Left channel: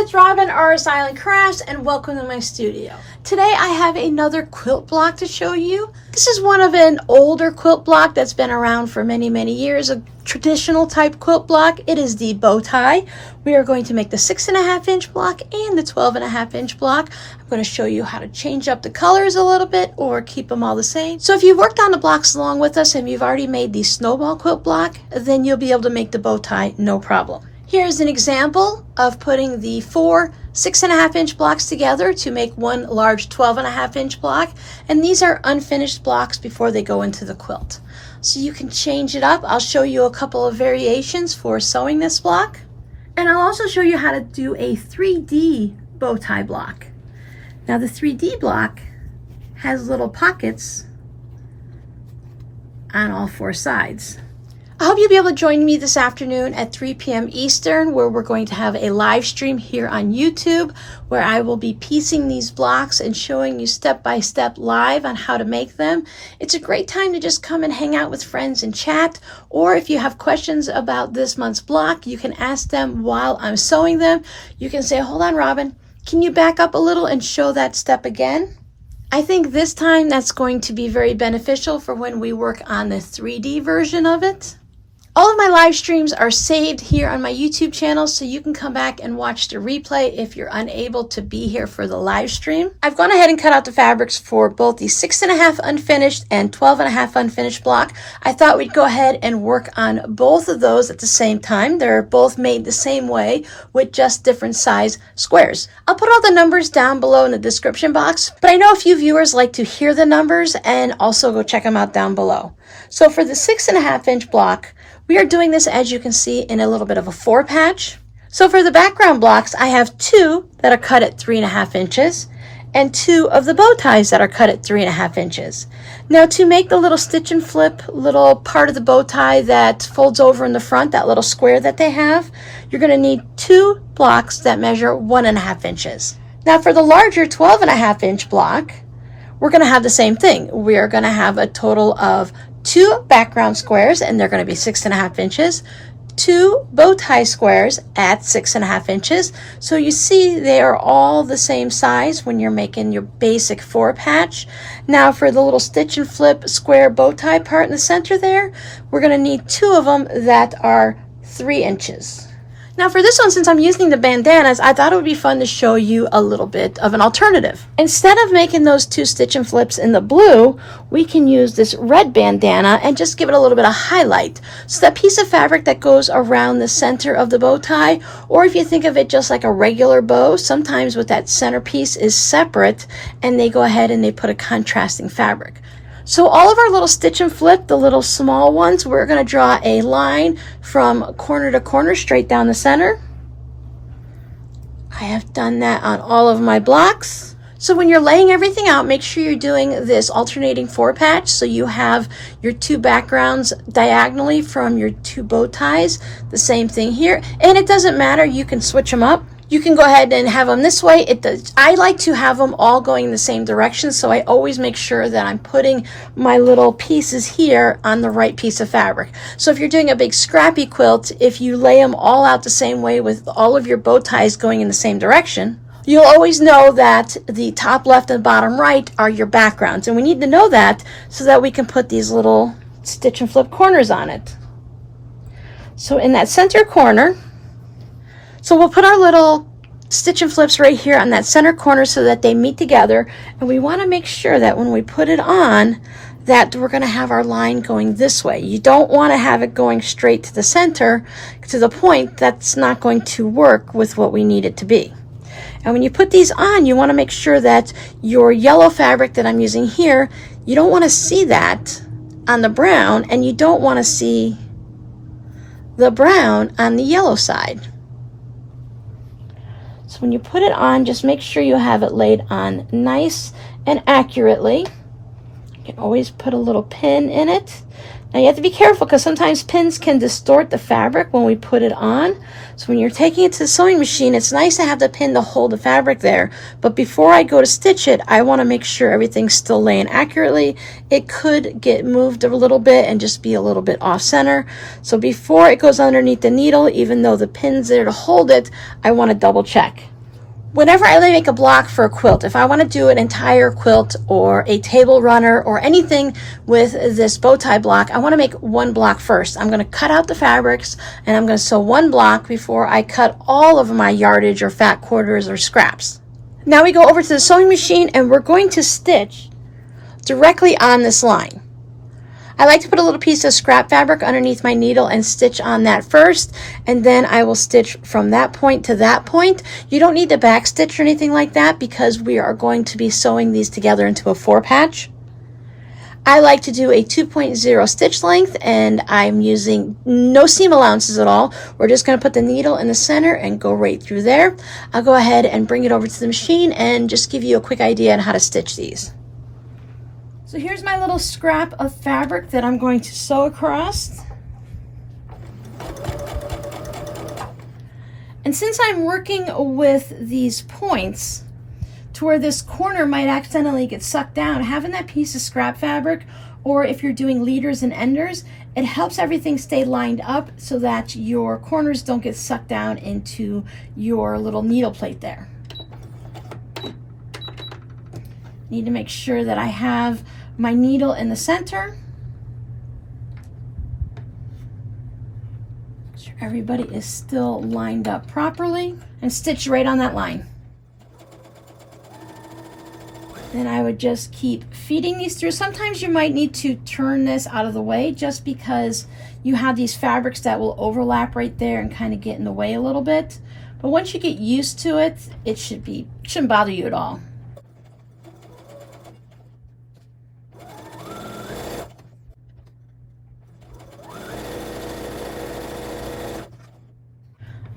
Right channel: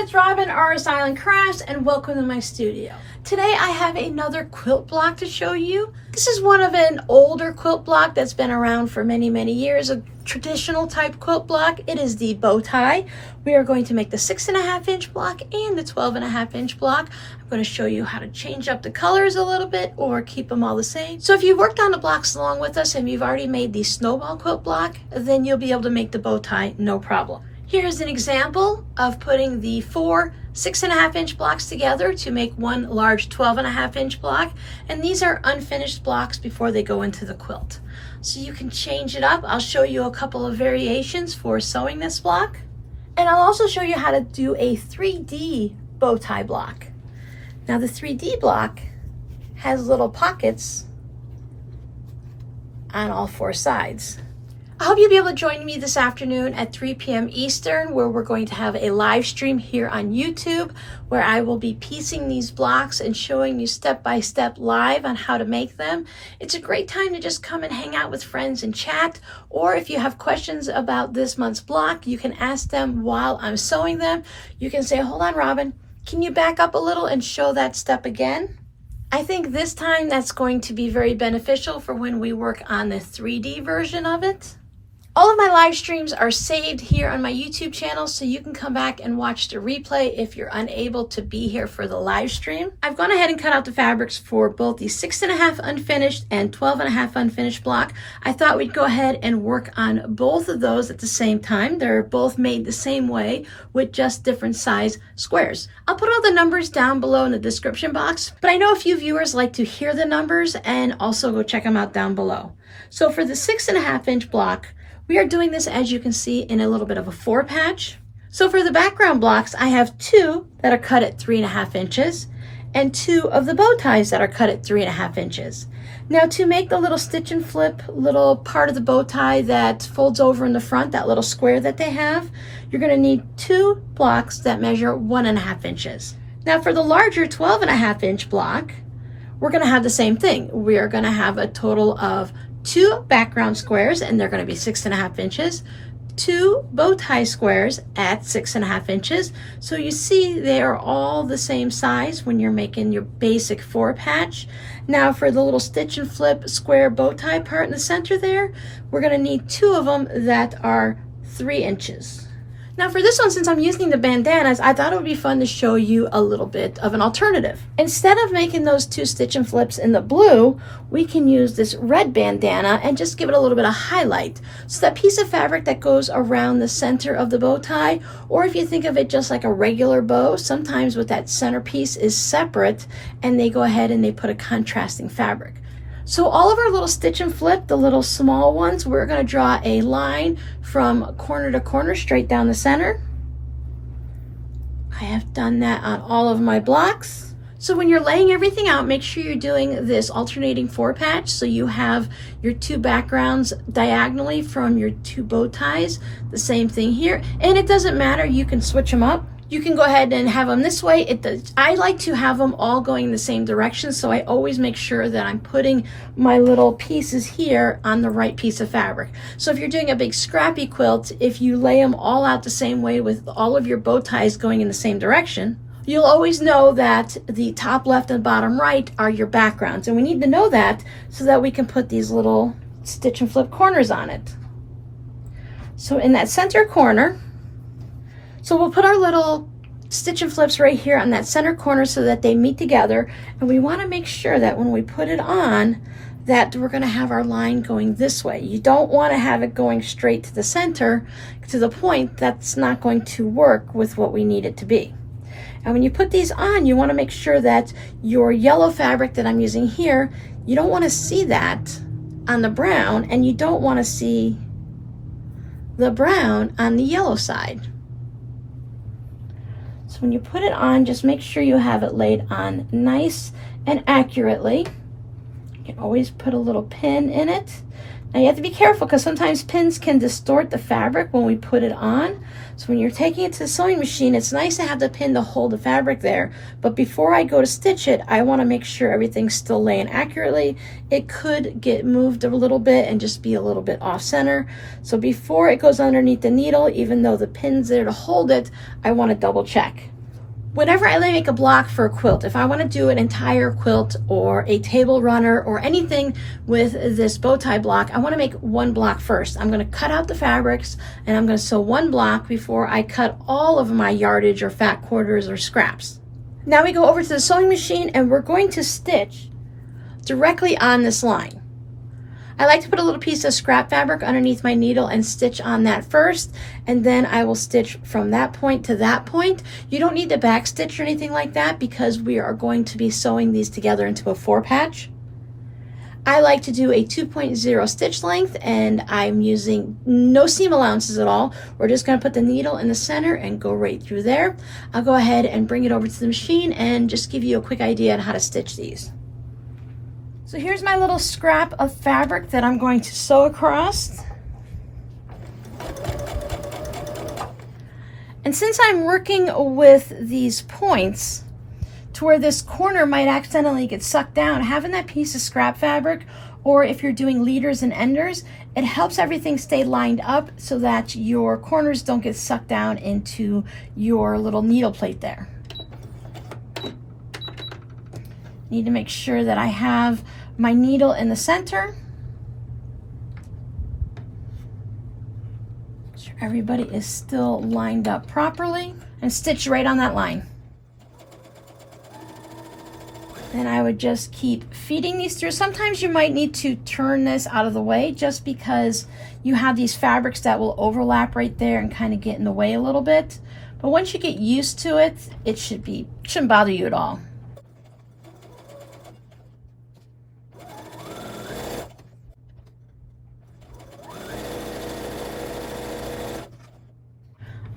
it's Robin, RS Island Crafts, and welcome to my studio. Today I have another quilt block to show you. This is one of an older quilt block that's been around for many years, a traditional type quilt block. It is the bow tie. We are going to make the 6.5-inch block and the 12.5-inch block. I'm going to show you how to change up the colors a little bit or keep them all the same. So if you worked on the blocks along with us and you've already made the snowball quilt block, then you'll be able to make the bow tie no problem. Here's an example of putting the four 6.5-inch blocks together to make one large 12.5-inch block. And these are unfinished blocks before they go into the quilt. So you can change it up. I'll show you a couple of variations for sewing this block. And I'll also show you how to do a 3D bow tie block. Now the 3D block has little pockets on all four sides. I hope you'll be able to join me this afternoon at 3 p.m. Eastern, where we're going to have a live stream here on YouTube, where I will be piecing these blocks and showing you step-by-step live on how to make them. It's a great time to just come and hang out with friends and chat, or if you have questions about this month's block, you can ask them while I'm sewing them. You can say, hold on, Robin, can you back up a little and show that step again? I think this time that's going to be very beneficial for when we work on the 3D version of it. All of my live streams are saved here on my YouTube channel, so you can come back and watch the replay if you're unable to be here for the live stream. I've gone ahead and cut out the fabrics for both the 6.5 unfinished and 12.5 unfinished block. I thought we'd go ahead and work on both of those at the same time. They're both made the same way with just different size squares. I'll put all the numbers down below in the description box, but I know a few viewers like to hear the numbers and also go check them out down below. So for the 6.5-inch block, we are doing this, as you can see, in a little bit of a 4-patch. So for the background blocks, I have 2 that are cut at 3.5 inches and 2 of the bow ties that are cut at 3.5 inches. Now to make the little stitch and flip little part of the bow tie that folds over in the front, that little square that they have, you're going to need 2 blocks that measure 1.5 inches. Now for the larger 12.5-inch block, we're going to have the same thing. We are going to have a total of 2 background squares, and they're going to be 6.5 inches, 2 bow tie squares at 6.5 inches. So you see they are all the same size when you're making your basic 4-patch. Now for the little stitch and flip square bow tie part in the center there, we're going to need 2 of them that are 3 inches. Now for this one, since I'm using the bandanas, I thought it would be fun to show you a little bit of an alternative. Instead of making those 2 stitch and flips in the blue, we can use this red bandana and just give it a little bit of highlight. So that piece of fabric that goes around the center of the bow tie, or if you think of it just like a regular bow, sometimes with that center piece is separate and they go ahead and they put a contrasting fabric. So all of our little stitch and flip, the little small ones, we're going to draw a line from corner to corner straight down the center. I have done that on all of my blocks. So when you're laying everything out, make sure you're doing this alternating 4-patch so you have your 2 backgrounds diagonally from your 2 bow ties. The same thing here. And it doesn't matter, you can switch them up. You can go ahead and have them this way. I like to have them all going in the same direction, so I always make sure that I'm putting my little pieces here on the right piece of fabric. So if you're doing a big scrappy quilt, if you lay them all out the same way with all of your bow ties going in the same direction, you'll always know that the top left and bottom right are your backgrounds. And we need to know that so that we can put these little stitch and flip corners on it. So in that center corner, so we'll put our little stitch and flips right here on that center corner so that they meet together. And we want to make sure that when we put it on, that we're going to have our line going this way. You don't want to have it going straight to the center to the point that's not going to work with what we need it to be. And when you put these on, you want to make sure that your yellow fabric that I'm using here, you don't want to see that on the brown, and you don't want to see the brown on the yellow side. So when you put it on, just make sure you have it laid on nice and accurately. You can always put a little pin in it Now you have to be careful because sometimes pins can distort the fabric when we put it on. So when you're taking it to the sewing machine, it's nice to have the pin to hold the fabric there. But before I go to stitch it, I want to make sure everything's still laying accurately. It could get moved a little bit and just be a little bit off center. So before it goes underneath the needle, even though the pin's there to hold it, I want to double check. Whenever I make a block for a quilt, if I want to do an entire quilt or a table runner or anything with this bow tie block, I want to make one block first. I'm going to cut out the fabrics and I'm going to sew one block before I cut all of my yardage or fat quarters or scraps. Now we go over to the sewing machine and we're going to stitch directly on this line. I like to put a little piece of scrap fabric underneath my needle and stitch on that first, and then I will stitch from that point to that point. You don't need to back stitch or anything like that because we are going to be sewing these together into a 4-patch. I like to do a 2.0 stitch length, and I'm using no seam allowances at all. We're just going to put the needle in the center and go right through there. I'll go ahead and bring it over to the machine and just give you a quick idea on how to stitch these. So here's my little scrap of fabric that I'm going to sew across. And since I'm working with these points to where this corner might accidentally get sucked down, having that piece of scrap fabric, or if you're doing leaders and enders, it helps everything stay lined up so that your corners don't get sucked down into your little needle plate there. Need to make sure that I have my needle in the center. Make sure everybody is still lined up properly and stitch right on that line. Then I would just keep feeding these through. Sometimes you might need to turn this out of the way just because you have these fabrics that will overlap right there and kind of get in the way a little bit. But once you get used to it, it shouldn't bother you at all.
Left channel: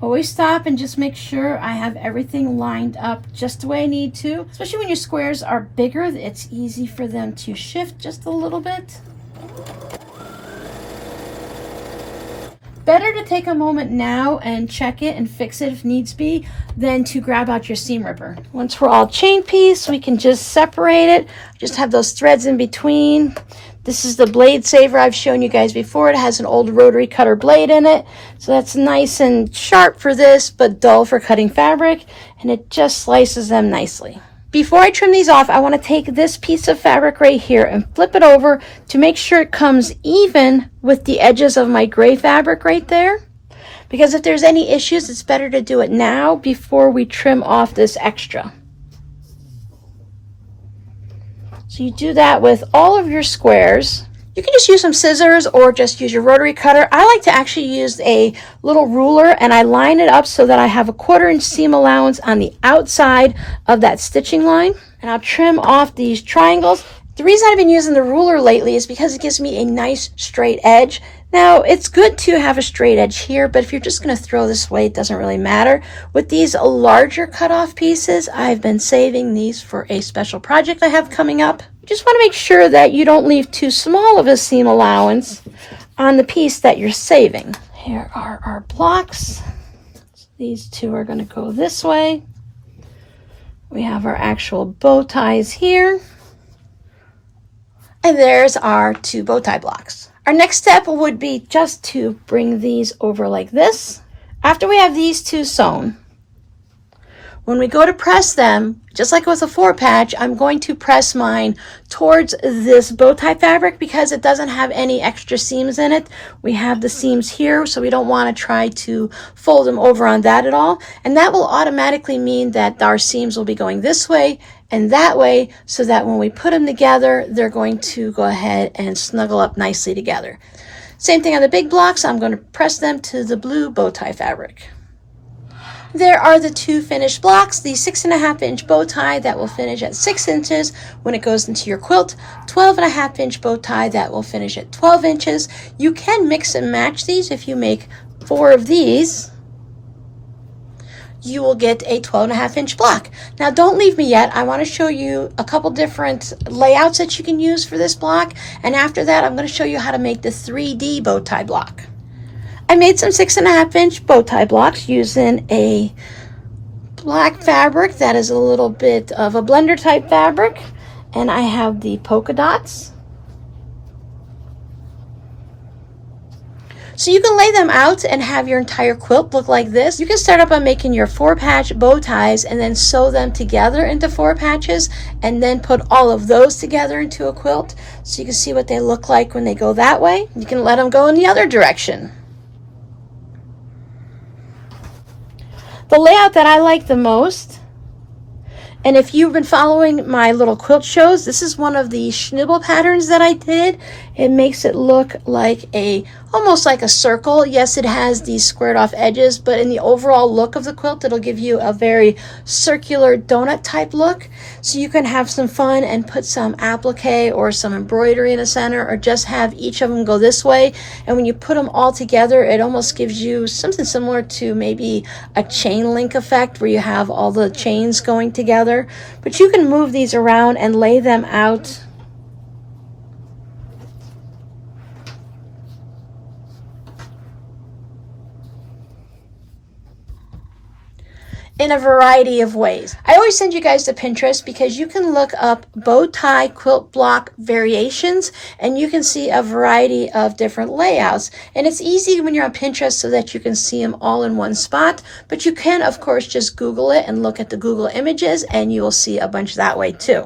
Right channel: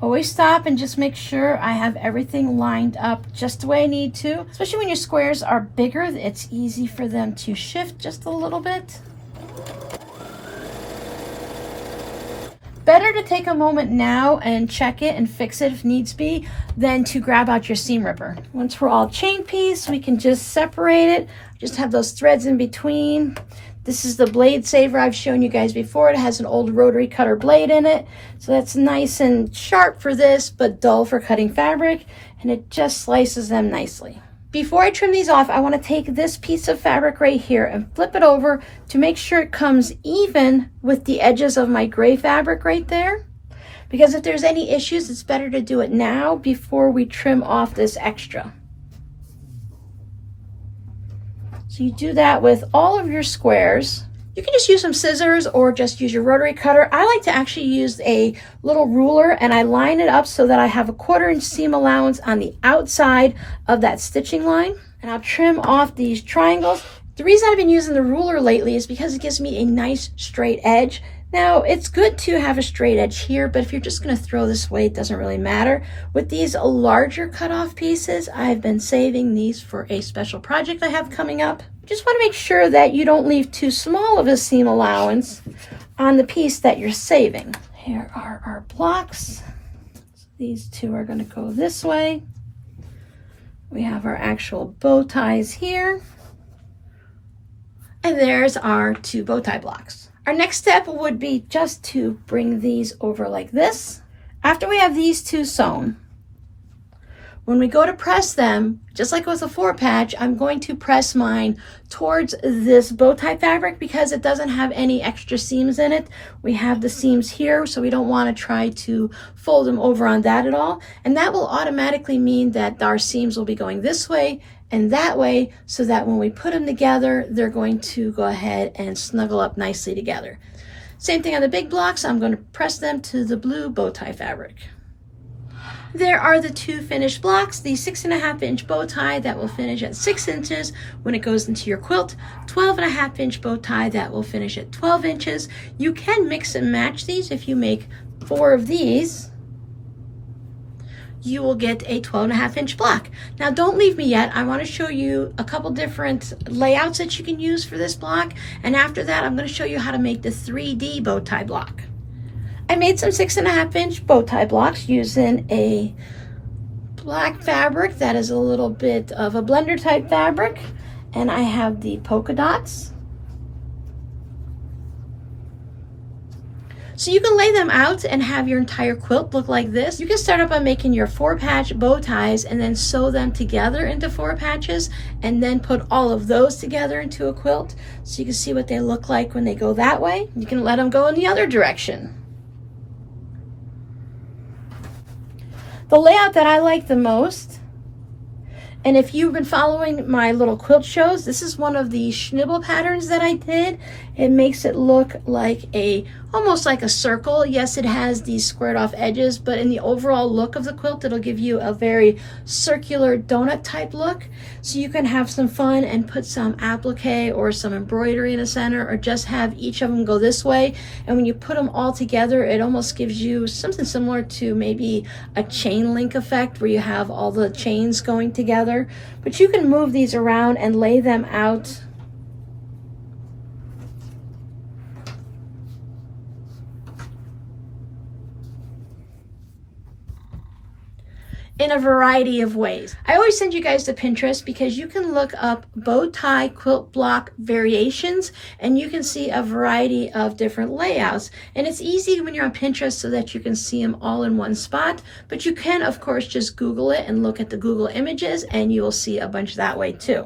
Always stop and just make sure I have everything lined up just the way I need to. Especially when your squares are bigger, it's easy for them to shift just a little bit. Better to take a moment now and check it and fix it if needs be than to grab out your seam ripper. Once we're all chain pieced, we can just separate it. Just have those threads in between. This is the blade saver I've shown you guys before. It has an old rotary cutter blade in it. So that's nice and sharp for this, but dull for cutting fabric. And it just slices them nicely. Before I trim these off, I want to take this piece of fabric right here and flip it over to make sure it comes even with the edges of my gray fabric right there. Because if there's any issues, it's better to do it now before we trim off this extra. So you do that with all of your squares. You can just use some scissors or just use your rotary cutter. I like to actually use a little ruler and I line it up so that I have a 1/4 inch seam allowance on the outside of that stitching line. And I'll trim off these triangles. The reason I've been using the ruler lately is because it gives me a nice straight edge. Now, it's good to have a straight edge here, but if you're just going to throw this away, it doesn't really matter. With these larger cutoff pieces, I've been saving these for a special project I have coming up. Just want to make sure that you don't leave too small of a seam allowance on the piece that you're saving. Here are our blocks. These two are going to go this way. We have our actual bow ties here. And there's our 2 bow tie blocks. Our next step would be just to bring these over like this. After we have these 2 sewn, when we go to press them, just like with a 4-patch, I'm going to press mine towards this bow tie fabric because it doesn't have any extra seams in it. We have the seams here, so we don't want to try to fold them over on that at all. And that will automatically mean that our seams will be going this way and that way, so that when we put them together, they're going to go ahead and snuggle up nicely together. Same thing on the big blocks. I'm going to press them to the blue bow tie fabric. There are the 2 finished blocks, the 6.5 inch bow tie that will finish at 6 inches when it goes into your quilt, 12.5 inch bow tie that will finish at 12 inches. You can mix and match these if you make 4 of these. you will get a 12.5-inch block. Now don't leave me yet. I want to show you a couple different layouts that you can use for this block, and after that I'm going to show you how to make the 3D bow tie block. I made some 6.5-inch bow tie blocks using a black fabric that is a little bit of a blender type fabric, and I have the polka dots. So you can lay them out and have your entire quilt look like this. You can start up by making your 4-patch bow ties and then sew them together into 4 patches and then put all of those together into a quilt so you can see what they look like when they go that way. You can let them go in the other direction. The layout that I like the most, and if you've been following my little quilt shows, this is one of the schnibble patterns that I did. It makes it look like almost like a circle. Yes, it has these squared off edges, but in the overall look of the quilt, it'll give you a very circular donut type look. So you can have some fun and put some applique or some embroidery in the center, or just have each of them go this way. And when you put them all together, it almost gives you something similar to maybe a chain link effect where you have all the chains going together. But you can move these around and lay them out in a variety of ways. I always send you guys to Pinterest because you can look up bow tie quilt block variations and you can see a variety of different layouts. And it's easy when you're on Pinterest so that you can see them all in one spot, but you can of course just Google it and look at the Google images and you will see a bunch that way too.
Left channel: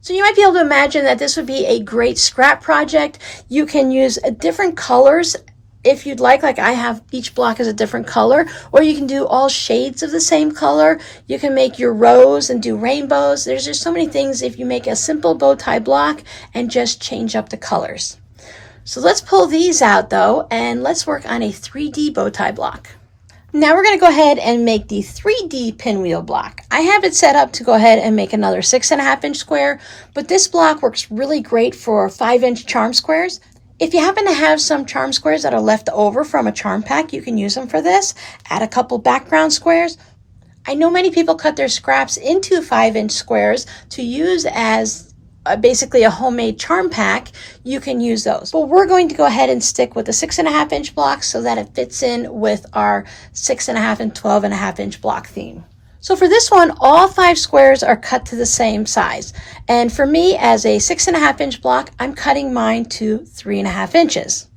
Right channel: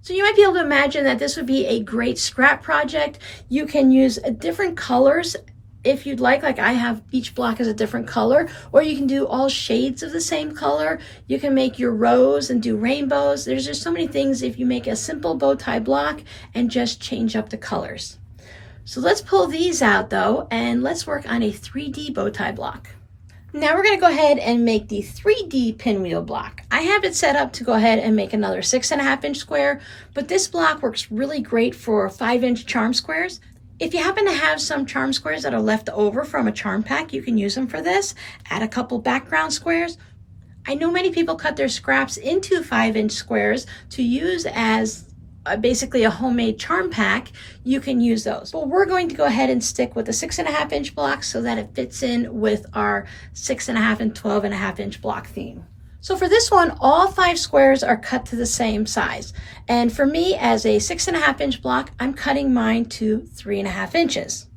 So you might be able to imagine that this would be a great scrap project. You can use different colors if you'd like I have each block is a different color, or you can do all shades of the same color. You can make your rows and do rainbows. There's just so many things if you make a simple bow tie block and just change up the colors. So let's pull these out though, and let's work on a 3D bow tie block. Now we're going to go ahead and make the 3D pinwheel block. I have it set up to go ahead and make another 6.5-inch square, but this block works really great for 5-inch charm squares. If you happen to have some charm squares that are left over from a charm pack, you can use them for this. Add a couple background squares. I know many people cut their scraps into 5-inch squares to use as basically a homemade charm pack. You can use those. But we're going to go ahead and stick with the 6.5-inch block so that it fits in with our 6.5 and 12.5-inch block theme. So for this one, all 5 squares are cut to the same size. And for me, as a 6.5-inch block, I'm cutting mine to 3.5 inches.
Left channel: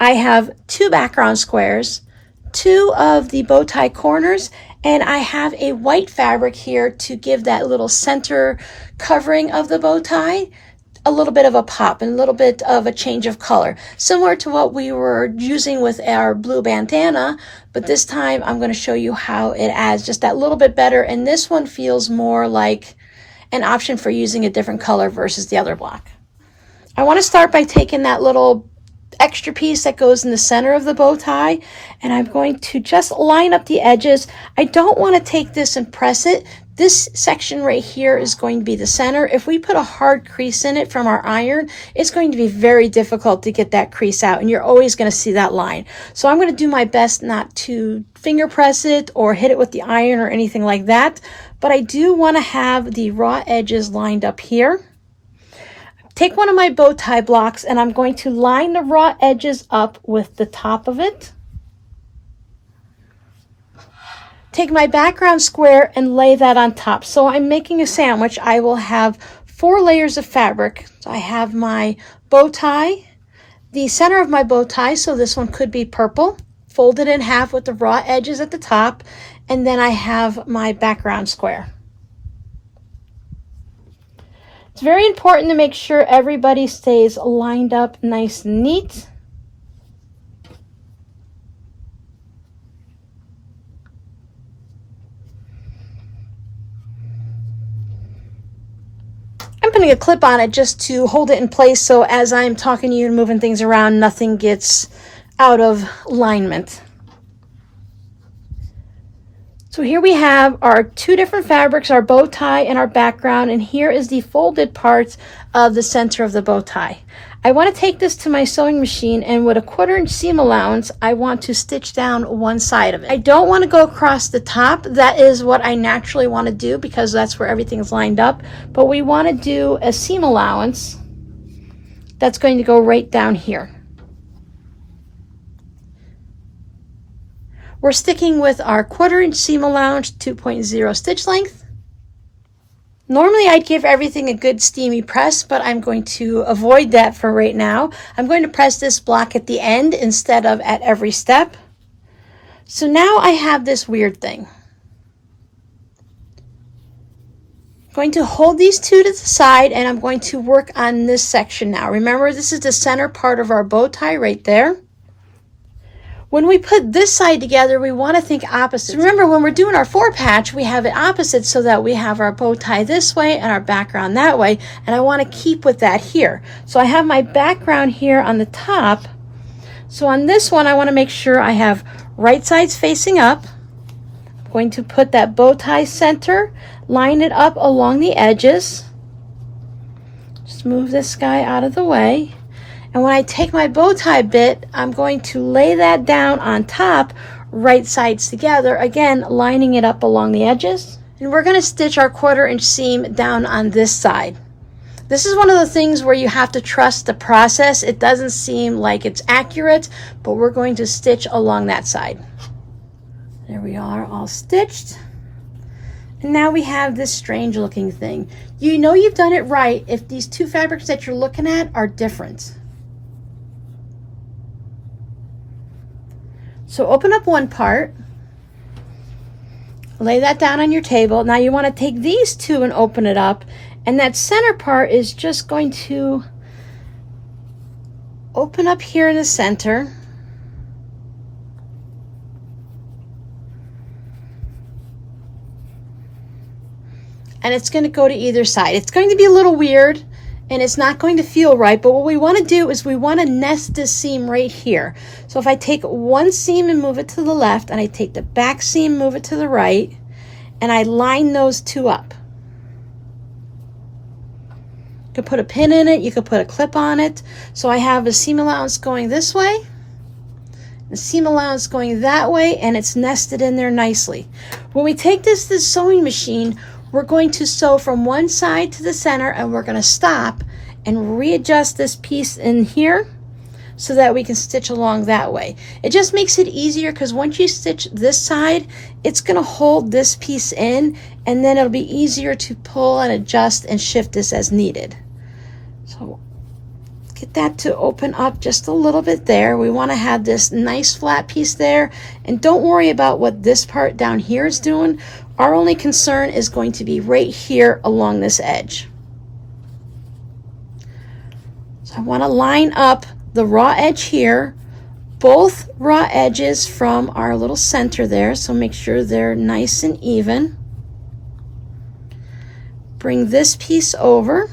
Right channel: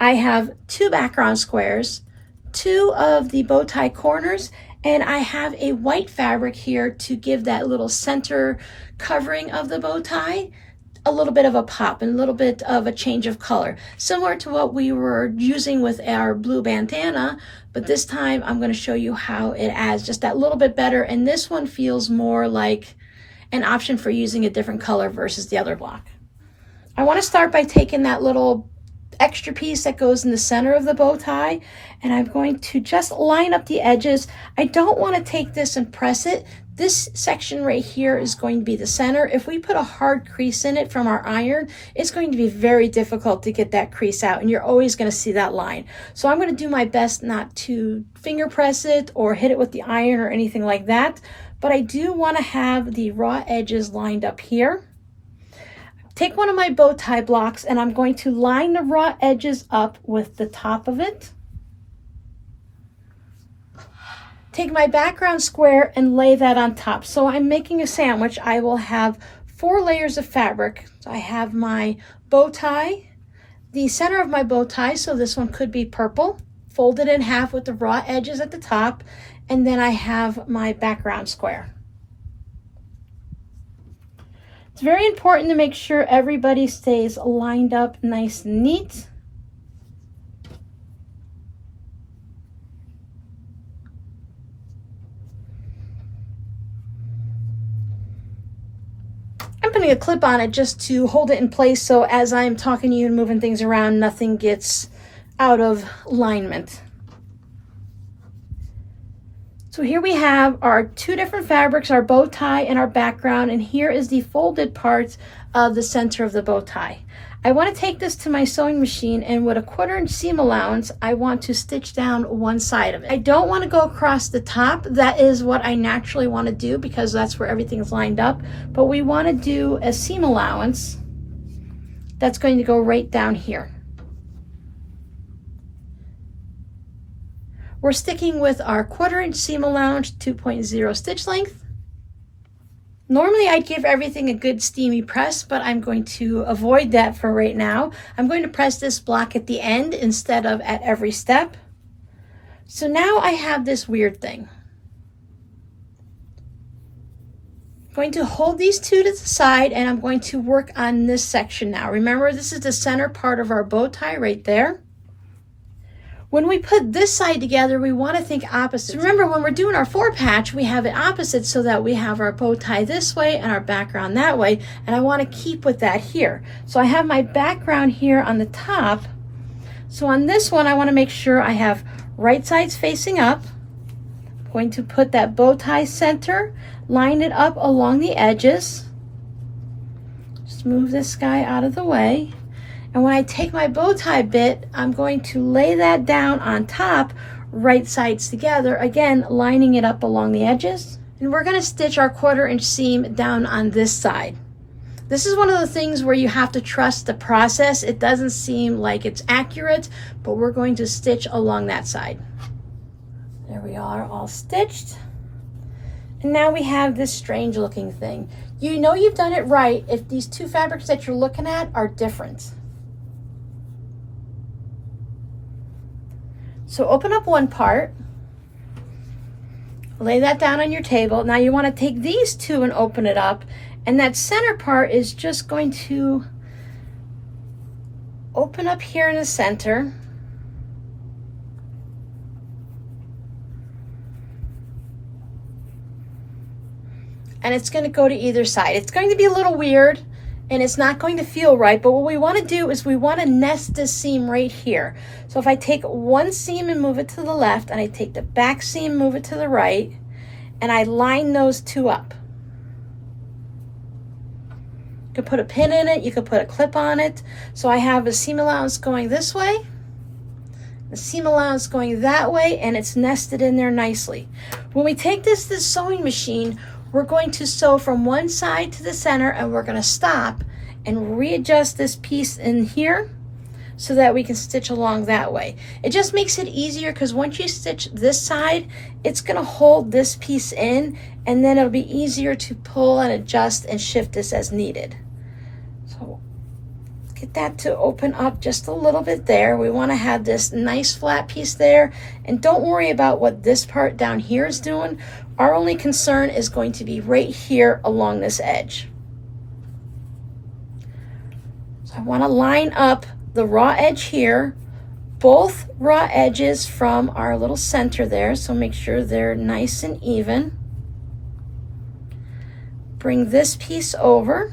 I have 2 background squares, 2 of the bow tie corners, and I have a white fabric here to give that little center covering of the bow tie a little bit of a pop and a little bit of a change of color, similar to what we were using with our blue bandana, but this time I'm going to show you how it adds just that little bit better, and this one feels more like an option for using a different color versus the other block. I want to start by taking that little extra piece that goes in the center of the bow tie, and I'm going to just line up the edges. I don't want to take this and press it. This section right here is going to be the center. If we put a hard crease in it from our iron, it's going to be very difficult to get that crease out, and you're always going to see that line. So I'm going to do my best not to finger press it or hit it with the iron or anything like that, but I do want to have the raw edges lined up here. Take one of my bow tie blocks and I'm going to line the raw edges up with the top of it. Take my background square and lay that on top. So I'm making a sandwich. I will have 4 layers of fabric. So I have my bow tie, the center of my bow tie, so this one could be purple, folded in half with the raw edges at the top, and then I have my background square. It's very important to make sure everybody stays lined up nice and neat. I'm putting a clip on it just to hold it in place so as I'm talking to you and moving things around, nothing gets out of alignment. So here we have our two different fabrics, our bow tie and our background, and here is the folded parts of the center of the bow tie. I want to take this to my sewing machine, and with a 1/4 inch seam allowance, I want to stitch down one side of it. I don't want to go across the top. That is what I naturally want to do because that's where everything's lined up, but we want to do a seam allowance that's going to go right down here. We're sticking with our 1/4 inch seam allowance, 2.0 stitch length. Normally I'd give everything a good steamy press, but I'm going to avoid that for right now. I'm going to press this block at the end instead of at every step. So now I have this weird thing. I'm going to hold these two to the side and I'm going to work on this section now. Remember, this is the center part of our bow tie right there. When we put this side together, we want to think opposite. Remember, when we're doing our 4-patch, we have it opposite so that we have our bow tie this way and our background that way, and I want to keep with that here. So I have my background here on the top. So on this one, I want to make sure I have right sides facing up. I'm going to put that bow tie center, line it up along the edges. Just move this guy out of the way. And when I take my bow tie bit, I'm going to lay that down on top, right sides together, again, lining it up along the edges. And we're gonna stitch our 1/4 inch seam down on this side. This is one of the things where you have to trust the process. It doesn't seem like it's accurate, but we're going to stitch along that side. There we are, all stitched. And now we have this strange looking thing. You know you've done it right if these two fabrics that you're looking at are different. So open up one part, lay that down on your table. Now you want to take these two and open it up, and that center part is just going to open up here in the center. And it's going to go to either side. It's going to be a little weird and it's not going to feel right, but what we want to do is we want to nest this seam right here. So if I take one seam and move it to the left, and I take the back seam, move it to the right, and I line those two up. You could put a pin in it, you could put a clip on it. So I have a seam allowance going this way, the seam allowance going that way, and it's nested in there nicely. When we take this to the sewing machine, we're going to sew from one side to the center, and we're going to stop and readjust this piece in here so that we can stitch along that way. It just makes it easier because once you stitch this side, it's going to hold this piece in, and then it'll be easier to pull and adjust and shift this as needed. So get that to open up just a little bit there. We want to have this nice flat piece there, and don't worry about what this part down here is doing. Our only concern is going to be right here along this edge. So I want to line up the raw edge here, both raw edges from our little center there, so make sure they're nice and even. Bring this piece over.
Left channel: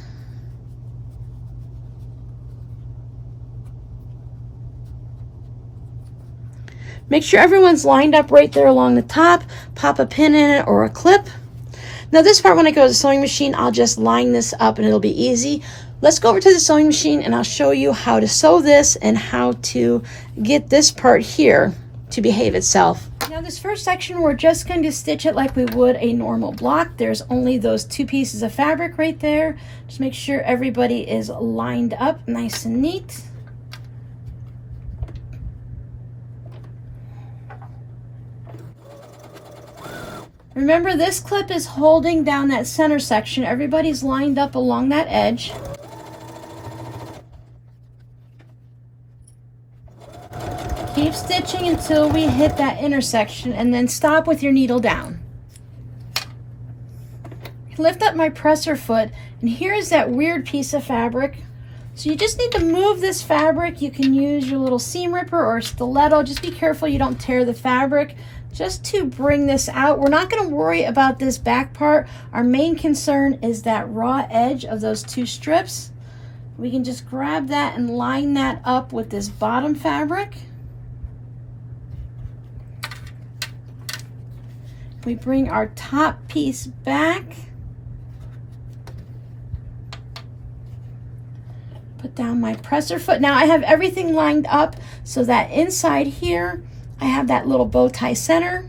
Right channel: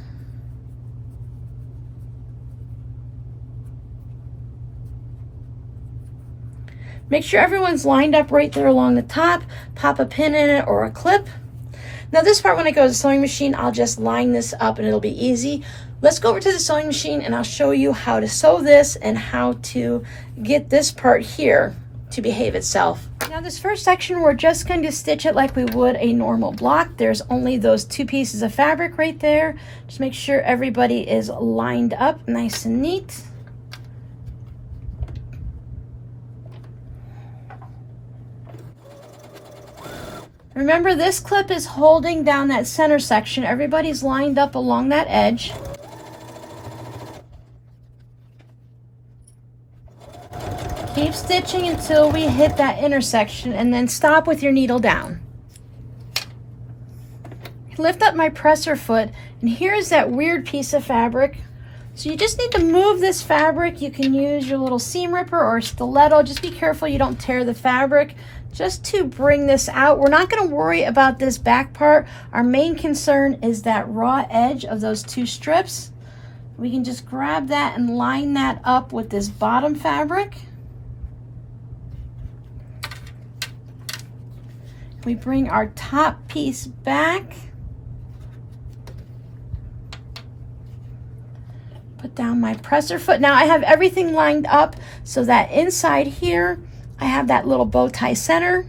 Make sure everyone's lined up right there along the top. Pop a pin in it or a clip. Now this part, when I go to the sewing machine, I'll just line this up and it'll be easy. Let's go over to the sewing machine and I'll show you how to sew this and how to get this part here to behave itself. Now this first section, we're just going to stitch it like we would a normal block. There's only those two pieces of fabric right there. Just make sure everybody is lined up nice and neat. Remember, this clip is holding down that center section. Everybody's lined up along that edge. Keep stitching until we hit that intersection, and then stop with your needle down. Lift up my presser foot, and here's that weird piece of fabric. So you just need to move this fabric. You can use your little seam ripper or stiletto. Just be careful you don't tear the fabric. Just to bring this out, we're not going to worry about this back part. Our main concern is that raw edge of those two strips. We can just grab that and line that up with this bottom fabric. We bring our top piece back. Put down my presser foot. Now I have everything lined up so that inside here, I have that little bow tie center.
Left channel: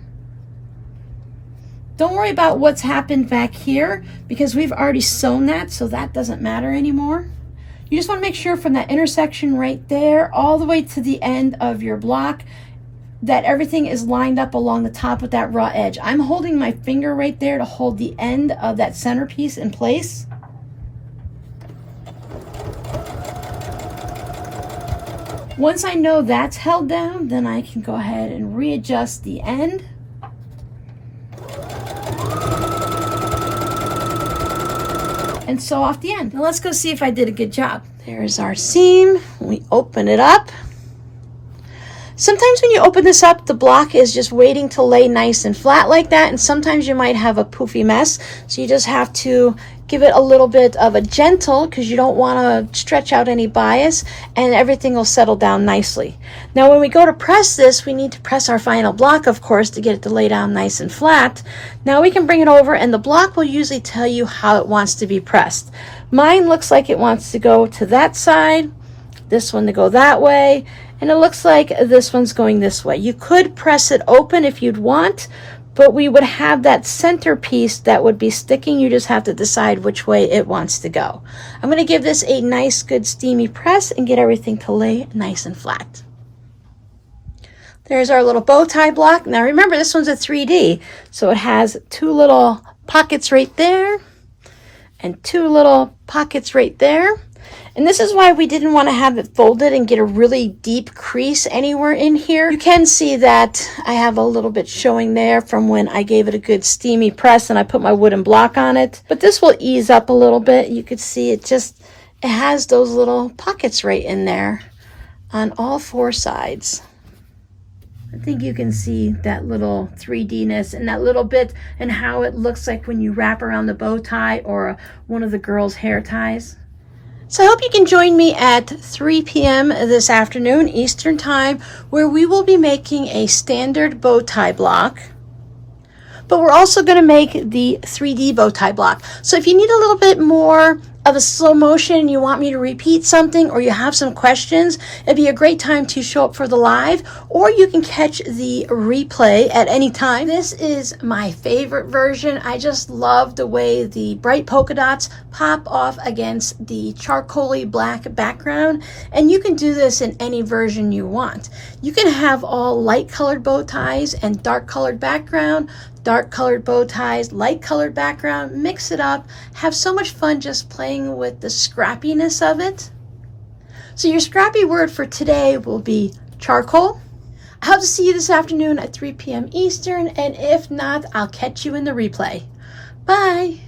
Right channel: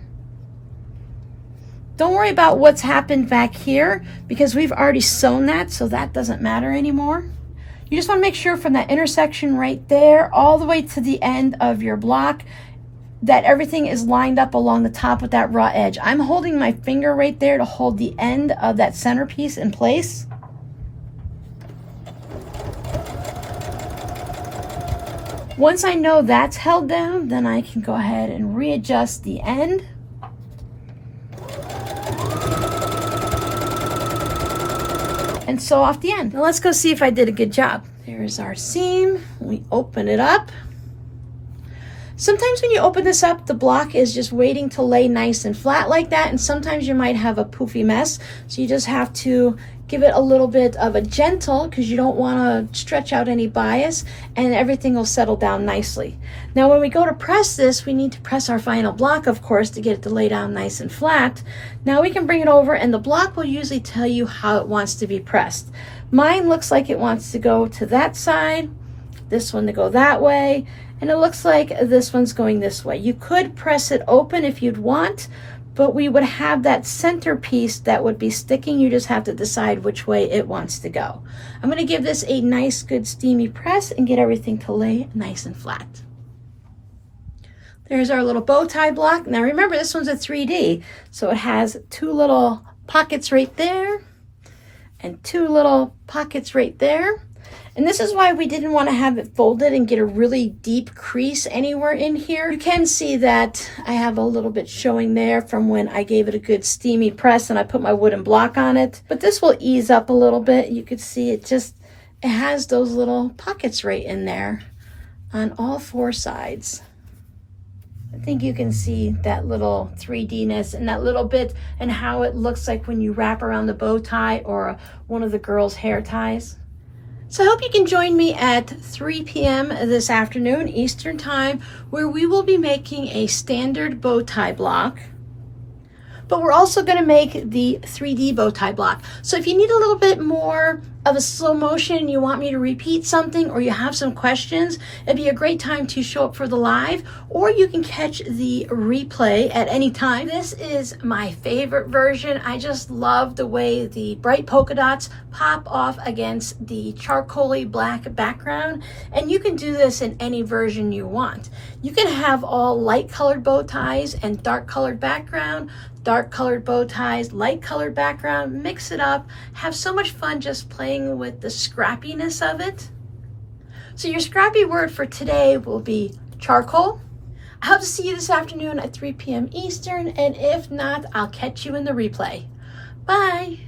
Don't worry about what's happened back here because we've already sewn that, so that doesn't matter anymore. You just want to make sure from that intersection right there all the way to the end of your block that everything is lined up along the top with that raw edge. I'm holding my finger right there to hold the end of that centerpiece in place. Once I know that's held down, then I can go ahead and readjust the end. And sew off the end. Now let's go see if I did a good job. There's our seam. We open it up. Sometimes when you open this up, the block is just waiting to lay nice and flat like that, and sometimes you might have a poofy mess, so you just have to give it a little bit of a gentle because you don't want to stretch out any bias, and everything will settle down nicely. Now when we go to press this, we need to press our final block, of course, to get it to lay down nice and flat. Now we can bring it over, and the block will usually tell you how it wants to be pressed. Mine looks like it wants to go to that side, this one to go that way, and it looks like this one's going this way. You could press it open if you'd want, but we would have that center piece that would be sticking. You just have to decide which way it wants to go. I'm going to give this a nice, good, steamy press and get everything to lay nice and flat. There's our little bow tie block. Now remember, this one's a 3D, so it has two little pockets right there and two little pockets right there. And this is why we didn't want to have it folded and get a really deep crease anywhere in here. You can see that I have a little bit showing there from when I gave it a good steamy press and I put my wooden block on it. But this will ease up a little bit. You could see it has those little pockets right in there on all four sides. I think you can see that little 3D-ness and that little bit and how it looks like when you wrap around the bow tie or one of the girls' hair ties. So I hope you can join me at 3 p.m. this afternoon Eastern Time, where we will be making a standard bow tie block. But we're also going to make the 3D bow tie block. So if you need a little bit more of a slow motion, you want me to repeat something, or you have some questions, it'd be a great time to show up for the live, or you can catch the replay at any time. This is my favorite version. I just love the way the bright polka dots pop off against the charcoaly black background, and you can do this in any version you want. You can have all light colored bow ties and dark colored background, dark colored bow ties, light colored background, mix it up, have so much fun just playing with the scrappiness of it. So your scrappy word for today will be charcoal. I hope to see you this afternoon at 3 p.m. Eastern, and if not, I'll catch you in the replay. Bye.